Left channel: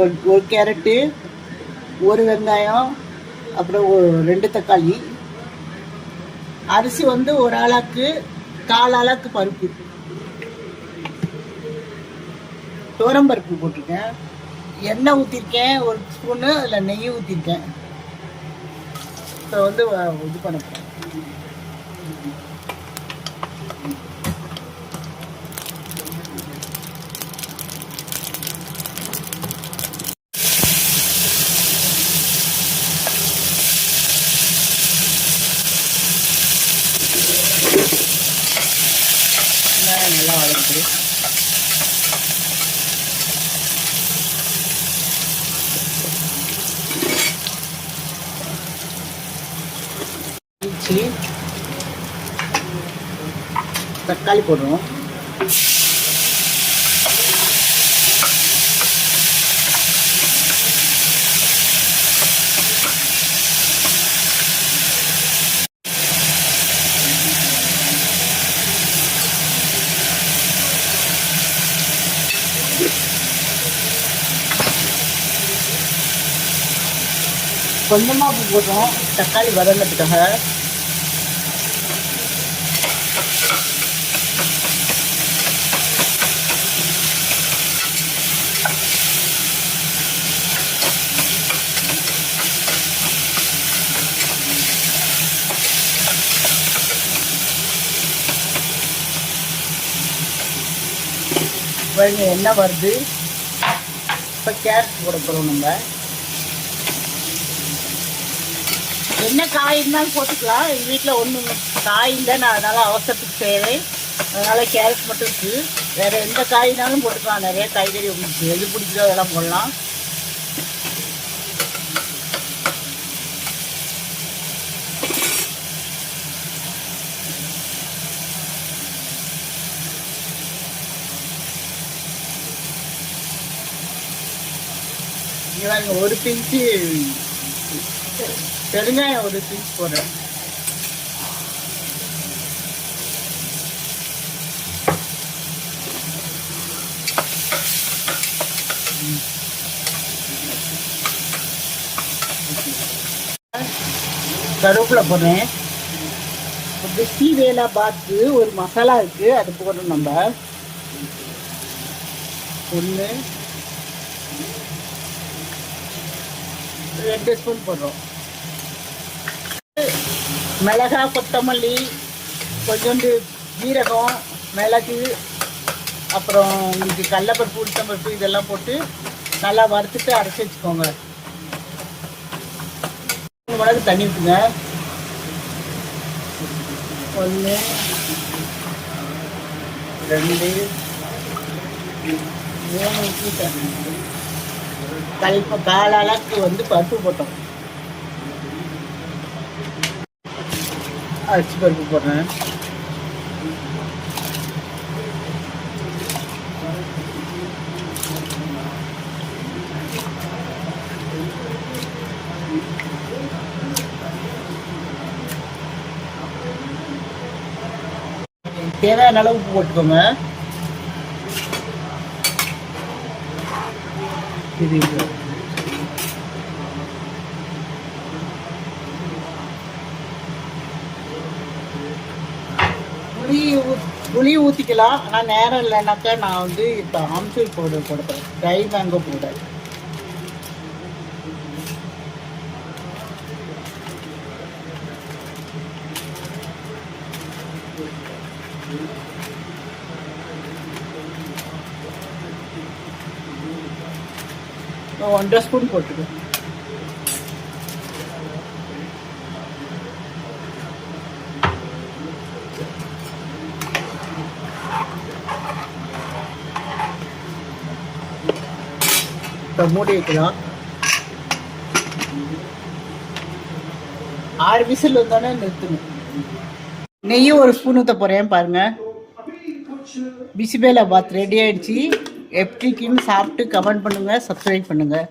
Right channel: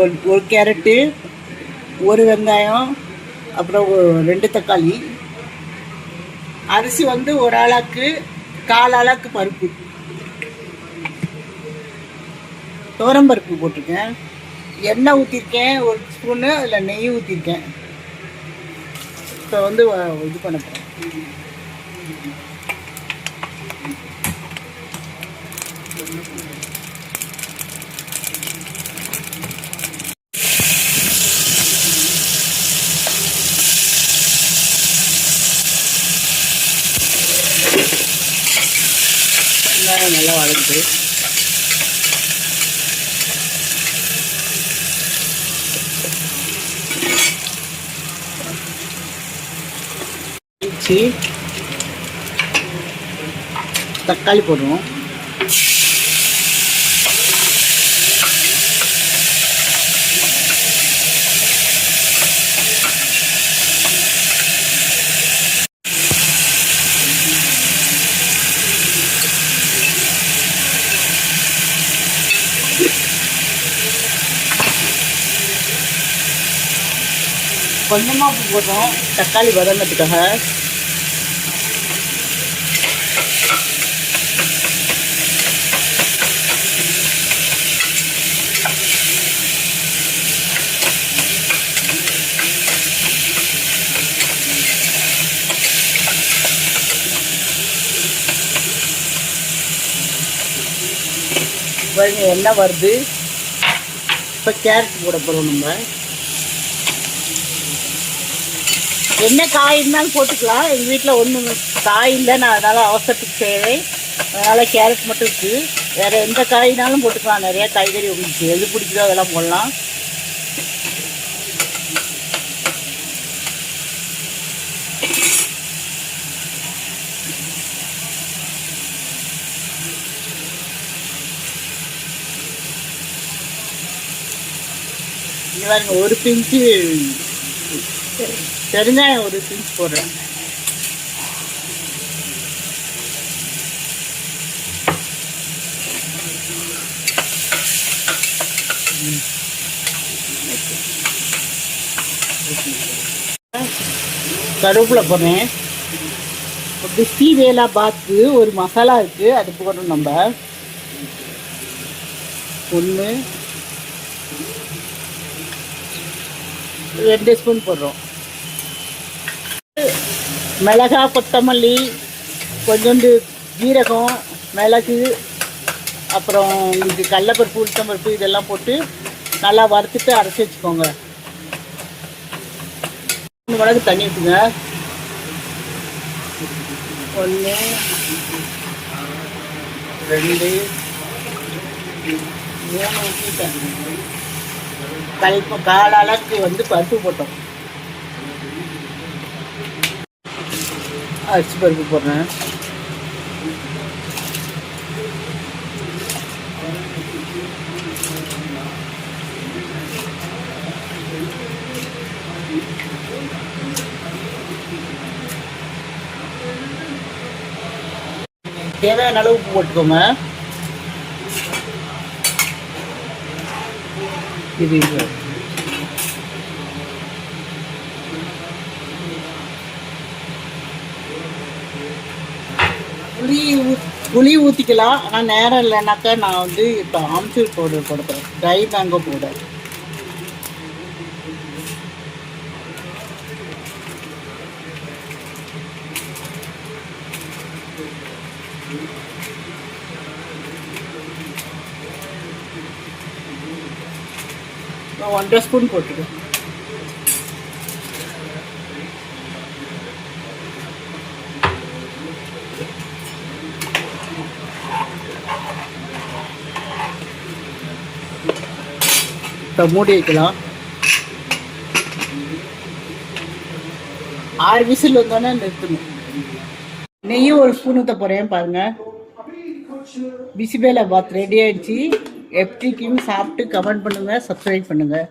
ஒரு கேரட்டு, ஒரு வெங்காயம், அப்புறம் 2 தக்காளி. அரிசி வந்து ஒரு ஆளாக்கு 1/4 ஆளாக்கு பருப்பு, துவரம்பருப்பு போட்டிருக்கேன். எண்ணெய் ஊற்றிருக்கேன் 1 ஸ்பூனு, அதில் நெய் ஊற்றிருக்கேன். இப்போ வந்து இது பண்ண போகிறேன். நல்லா வளர்த்து தக்காளி போடுவோம். கொஞ்சமாக உப்பு போடுறோம் தக்காளி வதங்கிறதுக்காக. எண்ணெய் வருது. இப்போ கேரட் போட போகிறோம். நம்ம என்ன காய் இருந்தாலும் போட்டுக்கலாம். எங்கள் வீட்டில் ஒன்றும் காய் இல்லை, நான் அதனால் அவசரத்துக்கு செய்வேன். அதனால் கேரட் மட்டும் இருக்குது. வேறு எந்த காய்னாலும் போட்டுக்கலாம். நிறையா காய்கறி உங்களுக்கு எது பிடிக்குதோ அதெல்லாம் போடலாம். ஒரு பிஞ்சு பெருங்காயம், ஒரு பிஞ்சு போடுறேன். கருவேப்பிலை போடுறேன். பிஸ்மில்லா பாத்து ஒரு மசாலா இருக்குது, அது போடுறோம். நம்ம 1 2 ஸ்பூன் போடுறோம். மிளகா, கொத்தமல்லி, கொஞ்சோண்டு ஜீரகம், மிளகு, அப்புறம் உங்களுக்கு கடலைப்பருப்பு, உளுத்தம்பருப்பு இதெல்லாம் போட்டு நல்லா வறுத்துட்டு அரைச்சி வச்சுக்கோங்க. 3 மடங்கு தண்ணி ஊற்றுங்க. 1 2 3 ஊற்றிட்டேன். கால் அளவுக்கு வந்து பருப்பு போட்டோம். அரிசி பருப்பு போடுறேன். தேவையான அளவு உப்பு போட்டுக்கோங்க. இது புளி ஊற்றிக்கலாம். ஆனால் நேரம் இல்லைனாக்கா நான் வந்து இப்போ ஆம்ச்சூர் பவுடர் போடுறேன், ட்ரை மேங்கோ பவுடர். நான் 1.5 ஸ்பூன் போட்டுக்கேன். இப்போ மூடி வைக்கலாம். 6 விசில் வந்தானே நிறுத்தணும். நெய்யும் 1 ஸ்பூன் ஊற்ற போகிறேன் பாருங்கள். பிசிபேலா பாத் ரெடி ஆகிடுச்சு. எப்படி இருக்குன்னு சாப்பிட்டு கமெண்ட் பண்ணுங்கள், சப்ஸ்கிரைப் பண்ணுங்கள்.